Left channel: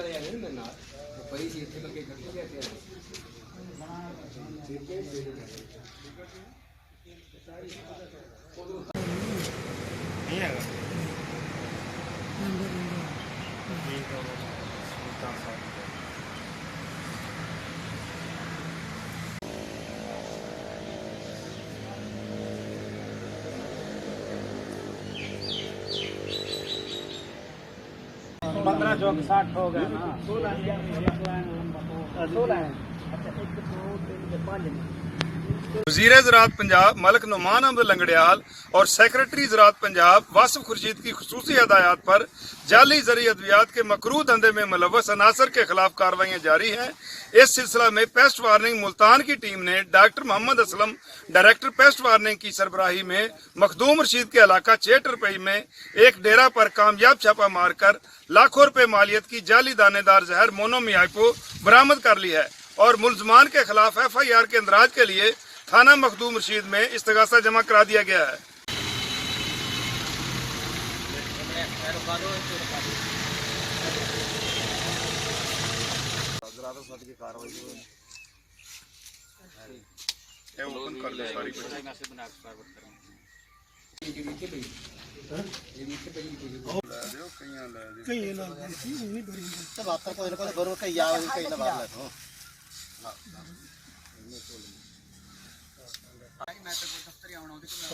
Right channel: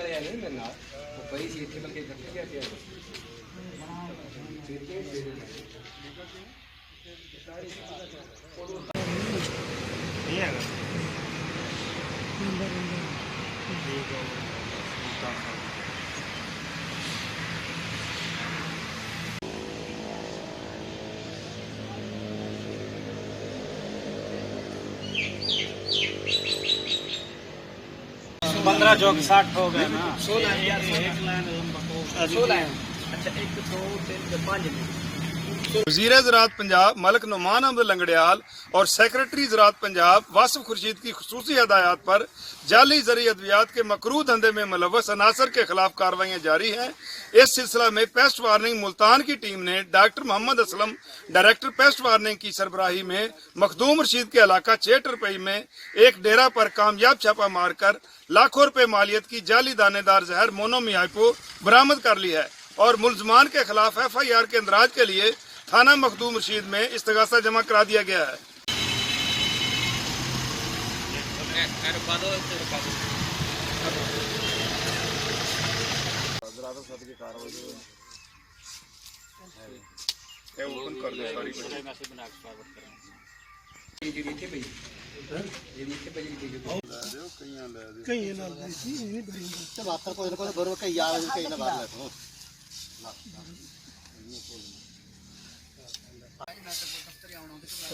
वाले आए मेरे नाल वो पई सी इत्थे बल्कि इकट्ठे गए थे पंद्रह चौक 60 हो गए ना 16 एक लाइन लंबा तो 16 अच्छा 1 2 3 5 वज़ीर ज़राअत पंजाब मलिक नुमान अहमद लंगड़ियाल और सेक्रेटरी ज़राअत पंजाब वासिफ खुर्शीद की खुसूसी हदायत पर जाली ज़री अद्वियात के मकरूह धंधे में मुलव्वस अनासर के खिलाफ कार्रवाइयाँ जारी हैं। इस सिलसिला में पेस्ट वार्निंग मुल्तान की टीम ने doctor Mohammad Aslam director pest warning की सरबराही में मखदूम रशीद के इलाका चेटरपई में एक डेरा पर कामयाब छापा मारकर लाखों रुपए मालियत की जाली दानेदार जहर मोनोमियापो बरामद कर ली है और मुलजमान के खिलाफ FIR के इंदराज के लिए थाना मखदूम रशीद में इस्तगासा जमा करा दिया गया है।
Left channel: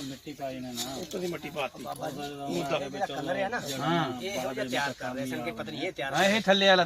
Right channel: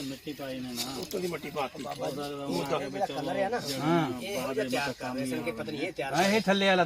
मिट्टी पाई ने ना मिट्टी पाती कलर है ना ये हो जा तैयार कर रहे हैं संके पत्नी ये तैयार है थल्ले वाला